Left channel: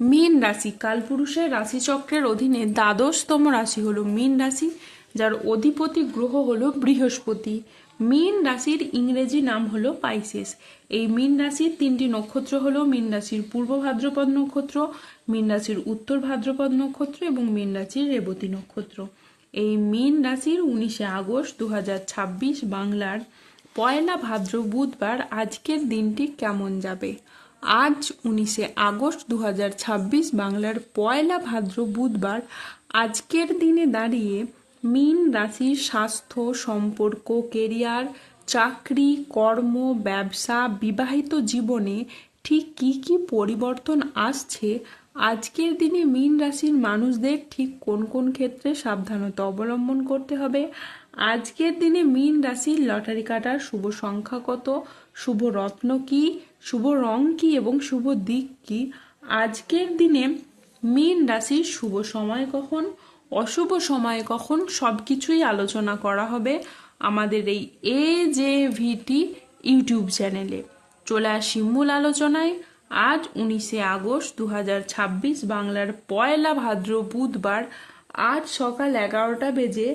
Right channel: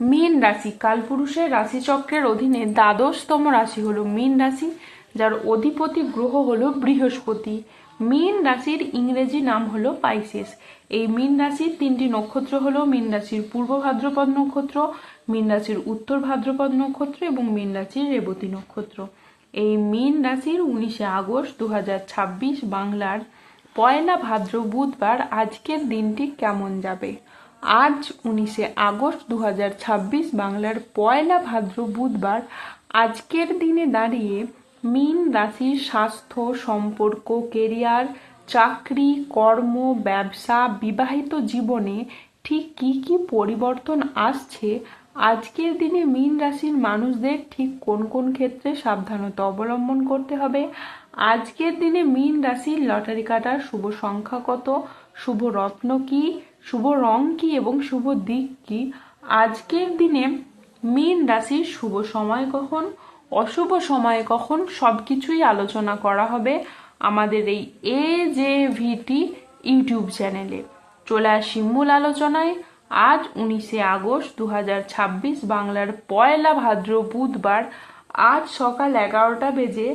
মীন রাশি কালপুরুষের রাশিচক্রের অধীনে দ্বাদশতম রাশি হলো মীন রাশি, যার অধিপতি গ্রহ হলো বৃহস্পতি। মীন রাশির ইংরেজি নাম হলো পাইসেস। এই মীন রাশির তিনটি নক্ষত্র হলো মীন রাশির পূর্ব ভাদ্রপদ নক্ষত্র, মীন রাশির উত্তর ভাদ্রপদ নক্ষত্র এবং মীন রাশির রেবতী নক্ষত্র। এই মীন রাশির 19শে আগস্ট 2026 বাংলার পয়লা ভাদ্র বুধবার আজকের দিনটি কেমন যাবে। আজ 19শে আগস্ট 2026 বাংলার পয়লা ভাদ্র বুধবার আজকের দিনে দাঁড়িয়ে মীন রাশির স্বাস্থ্য, সম্পর্ক, কেরিয়ার, চাকরি, কর্ম, ব্যবসা, বিবাহিত জীবনে ঠিক কি কি পরিবর্তন আসছে, আজকের দিনে মীন রাশির মানুষদের ঠিক কোন কোন ক্ষেত্রে সাবধানতা অবলম্বন করতে হবে, আজকের দিনে মীন রাশির লটারি কাটার শুভ সংখ্যা কত, শুভ রত্ন কি, শুভ রং কি এবং শুভ দিক কি, আজকের দিনে মীন রাশির শুভ সময় কখন, অশুভ সময় কখন, সবকিছুই আলোচনা করা হবে আমাদের এই AJVT ইউটিউব চ্যানেলে। চলে আসি মূল আলোচনায়। আজ 19শে আগস্ট 2026 বাংলার পয়লা ভাদ্র বুধবার আজ সকাল 11টা বেজে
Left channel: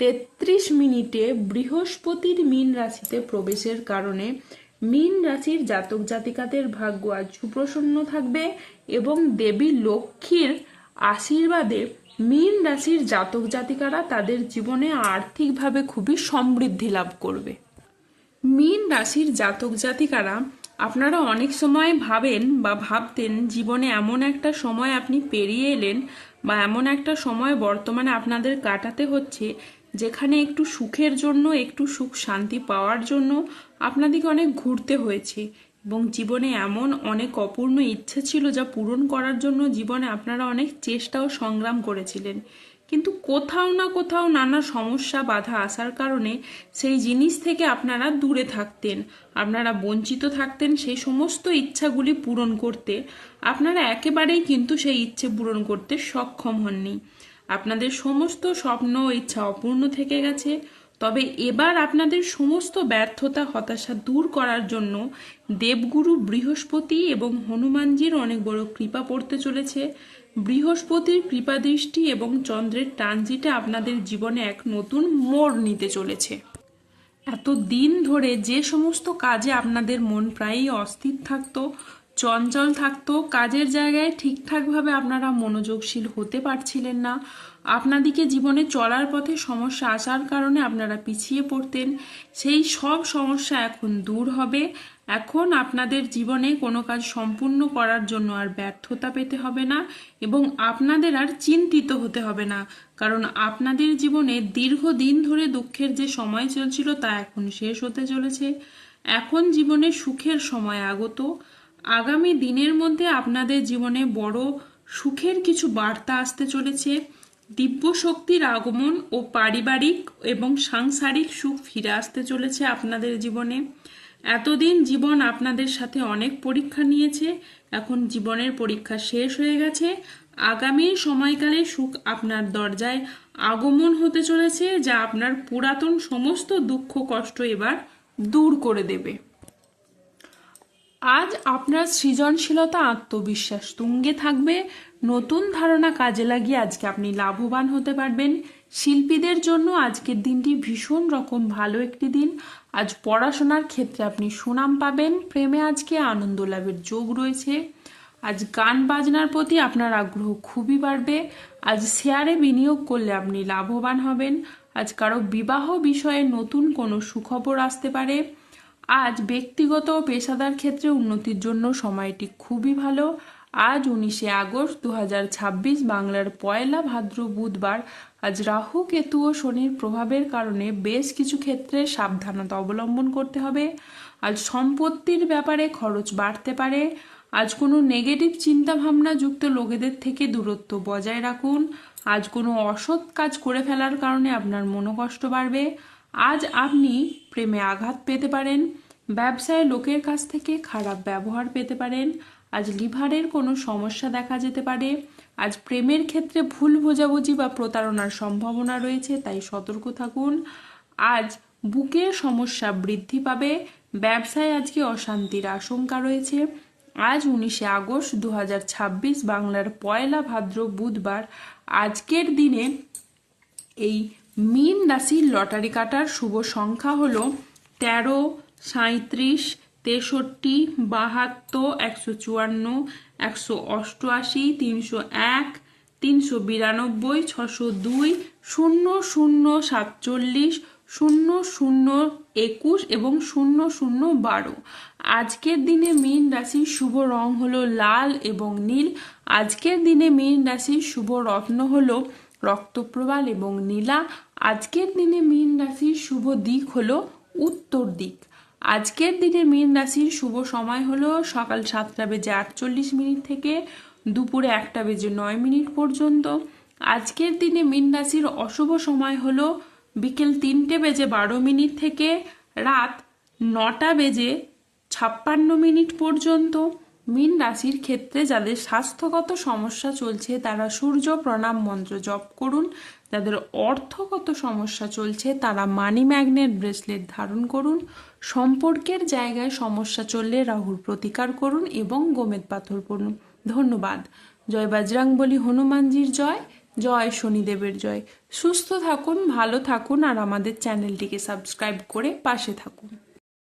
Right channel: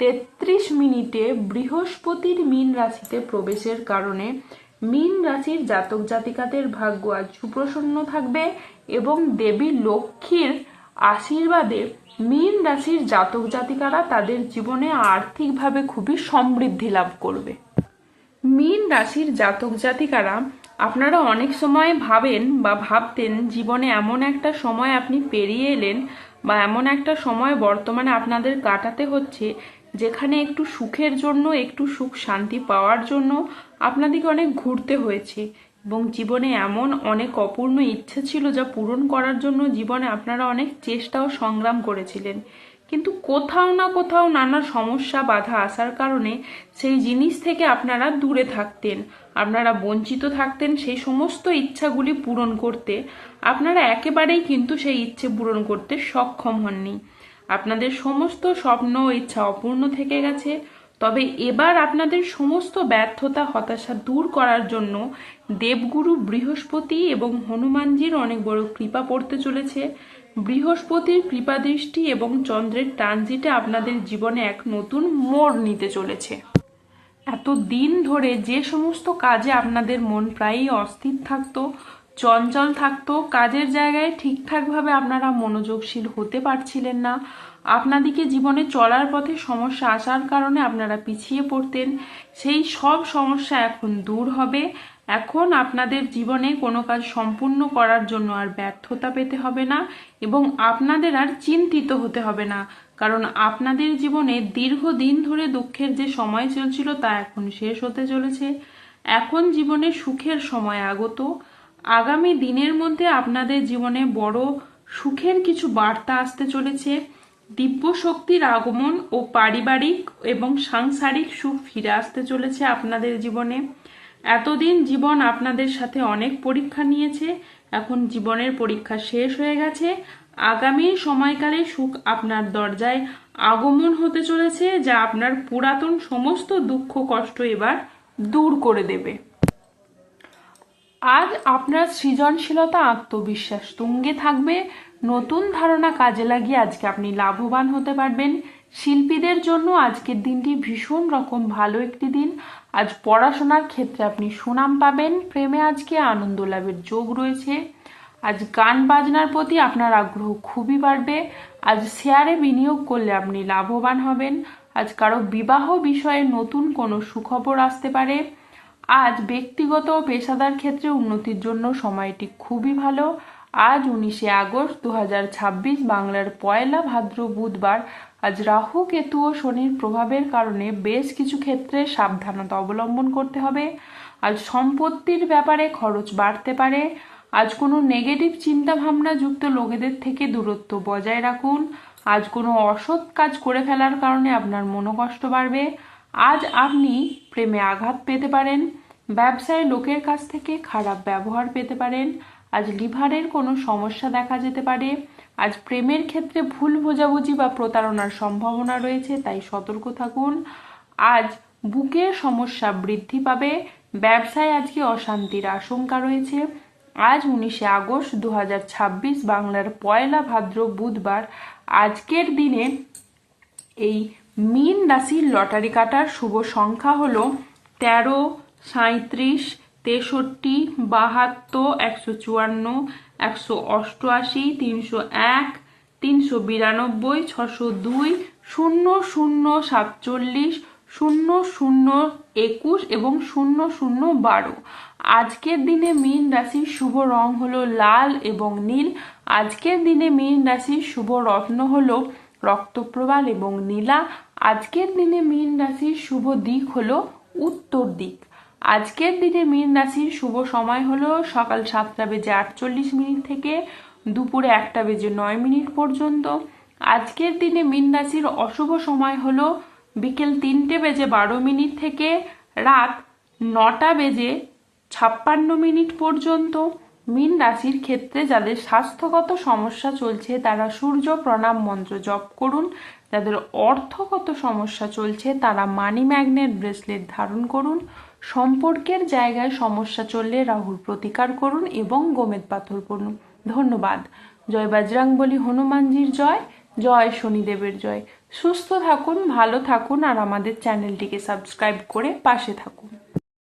33 মিনিটে বৃহস্পতির মীন রাশিতে প্রবেশের কারণে মীন রাশির জাতক জাতিকাদের ভাগ্য আজ সুপ্রসন্ন থাকবে এবং দেবী লক্ষ্মীর আশীর্বাদে মীন রাশির জাতক জাতিকারা তাদের জীবনে আর্থিকভাবে খুবই সমৃদ্ধি লাভ করবে। মীন রাশির জাতক জাতিকারা, আপনারা অনেক সময় ভাবেন বা ভাবতেন জীবনে এমন একটা সময় আপনি পেরিয়ে এলেন বা এমন একটা সময় বর্তমানে আপনাদের কাটাতে হচ্ছে যেখানে একটু সুখের জন্য, একটু সুখ শান্তি পাওয়ার জন্য আপনাদেরকে অনেক ঘুরতে হয়েছে এবং জীবনে এমন অনেক অপূর্ণ ইচ্ছে ছিল যা পূরণ করার জন্য জীবনে আপনারা অনেক চেষ্টা ও সংগ্রাম করেছিলেন, কিন্তু কোথাও না কোথাও নানা সমস্যা বাধা আসার কারণে সেই জিনিস থেকে আপনারা দূরে থাকতেন, আপনারা বঞ্চিত থাকতেন সেই সমস্ত ইচ্ছাগুলি পূরণ করতে। আপনারা একেবারেই কিন্তু সেই ইচ্ছে পূরণ করতে সক্ষম হননি, আপনাদের সমস্ত স্বপ্ন ইচ্ছা অপূর্ণ থেকে গেছে। তবে এবার আপনাদের সমস্ত ব্যর্থতা হতাশা দূর করার জন্য দেবগুরু বৃহস্পতি এবং হনুমানজির অনেক বড় কৃপা পড়তে চলেছে। বৃহস্পতির কৃপা দৃষ্টি এবং চন্দ্রের ট্রানজিটে আপনাদের জীবনে এক নতুন মোড় নিতে চলেছে। এত দিন ধরে যে সমস্ত কাজে আপনাদের মন প্রায়ই অস্থির থাকতো, চঞ্চল থাকতো, কাজের জায়গায় ঠিকঠাকভাবে আপনারা মনোযোগশীল হতে পারছিলেন না, আপনাদিকে জীবনে চলার পথে সমস্যা আসার কারণে আপনারা পিছিয়ে পড়তেন, সেই সব সমস্যা এখন দূর হবে। এখন আপনাদের জীবনে কোনো কাজ সম্পূর্ণ করার জন্য আর ব্যর্থতা পেতে হবে না এবং আপনাদের আর চিন্তিত হতে হবে না, কারণ আপনাদের জীবনে দীর্ঘদিন ধরে দুঃখের যে সময় চলছিল তা এখন শেষ হতে চলেছে। এখন জীবনে সুখের সময় আগত। আগামী দিনের মধ্যে আপনাদের জীবনে বড় সুখের কিছু বার্তা আসতে চলেছে। দিব্য শক্তির আগমন ও পারিবারিক এবং সাংসারিক সুখ ফিরে আসতে চলেছে আপনাদের জীবনে। এতদিন জীবন আপনাদের সাথে অনেক পরীক্ষা নিয়েছে, এখন জীবনের পরীক্ষা শেষ হয়ে গেছে। আগামী সময়কালে সুখ আপনার দরজায় আগমন হতে চলেছে, যা আপনার পুরাতন সমস্ত দুঃখ কষ্ট এবার দূর করে দেবে। আজ আপনার সৃজনশীলতা আত্মবিশ্বাস তুঙ্গে থাকবে, নতুন ধারণা কাজে লাগিয়ে আজকে আপনি লাভবান হতে পারবেন। শিল্পীদের জন্য আজকের দিনটি ভীষণ রকম ভালো একটি দিন। আজ পড়াশোনার ক্ষেত্রে আপনি সুনাম পাবেন, প্রেমে আজকে আনন্দ লাভের যোগ রয়েছে। আজ গান বাজনার প্রতি আপনার আগ্রহ খুবই বাড়বে। আজ শেয়ারে বিনিয়োগ করলে আপনি লাভবান হবেন। আজ কারো বিবাহ বিষয়ে নতুন কোনো সুখবর আসতে পারে। আজ ব্যক্তিগত ও পেশাদার ক্ষেত্রে উন্নতির জন্য সময়টি খুবই ভালো। আজ 19শে আগস্ট 2026 বাংলার পয়লা ভাদ্র বুধবার আজ রাহু কেতু ও শনির প্রভাবের কারণে বেশ কিছু ক্ষেত্রে সাবধানতা অবলম্বন করতে হবে। আজ সম্পত্তির ব্যাপারে খরচ বাড়তে পারে। আজ কোনো নেগেটিভ চিন্তা ভাবনা যুক্ত লোকেদের থেকে দূরত্ব বজায় রাখুন। আজ কোনো অসৎ কাজ করে ফেলার কারণে আপনার মনোকষ্ট বাড়বে। আজ আপনি প্রেমে আঘাত পেতে পারেন। ব্যবসায় লোকের কাছ থেকে খারাপ ব্যবহার পেতে পারেন। আজ লিভারের কোনো সমস্যা দেখা যেতে পারে। আজ প্রেমের ক্ষেত্রে ভুল বোঝাবুঝি বা প্রতারণার সম্ভাবনা রয়েছে, তাই সতর্ক থাকুন। আজ বুকের সমস্যা বৃদ্ধি পাবে। ব্যবসায় আজকে অশান্তির আশঙ্কা রয়েছে। আজ 19 আগস্ট 2026, বাংলার পয়লা ভাদ্র বুধবার। আজকের দিনে এই মীন রাশির লটারি কাটার শুভ সংখ্যা হলো 13, 37, 63, 72, 154, 188, 301, 392, 602, 0047, 0021 এবং 0012। আজকের দিনে মীন রাশির শুভ রং হলো লাল এবং নীল। আজকের দিনে মীন রাশির শুভ রত্ন হলো রক্তপ্রবাল এবং নীলা। আজকের দিনে মীন রাশির শুভ দিক হলো উত্তর দিক। আজকের দিনে মীন রাশির শুভ সময় হলো সকাল 7টা বেজে 48 মিনিট থেকে দুপুরে 1টা বেজে 9 মিনিট পর্যন্ত। আজকের দিনে মীন রাশির অশুভ সময় হলো বিকেল 3টে বেজে 12 মিনিট থেকে রাত 9টা বেজে 56 মিনিট পর্যন্ত। মীন রাশির ক্ষেত্রে যাদের স্বাস্থ্যগত সমস্যা চলছে তারা সূর্য প্রণাম মন্ত্র জপ করুন। যাদের অর্থগত সমস্যা চলছে তারা মানি ম্যাগনেট ব্রেসলেট ধারণ করুন। সম্পর্কের জায়গায় সমস্যা চললে রাহুর প্রতিকার করুন এবং গোমেদ পাথর পড়ুন। ধন্যবাদ। জয় বজরংবলী হনুমানজির জয়, জয় শনিদেবের জয়। সুস্থ থাকুন, ভালো থাকুন আর আমাদের চ্যানেলটিকে সাবস্ক্রাইব করে পাশে থাকুন।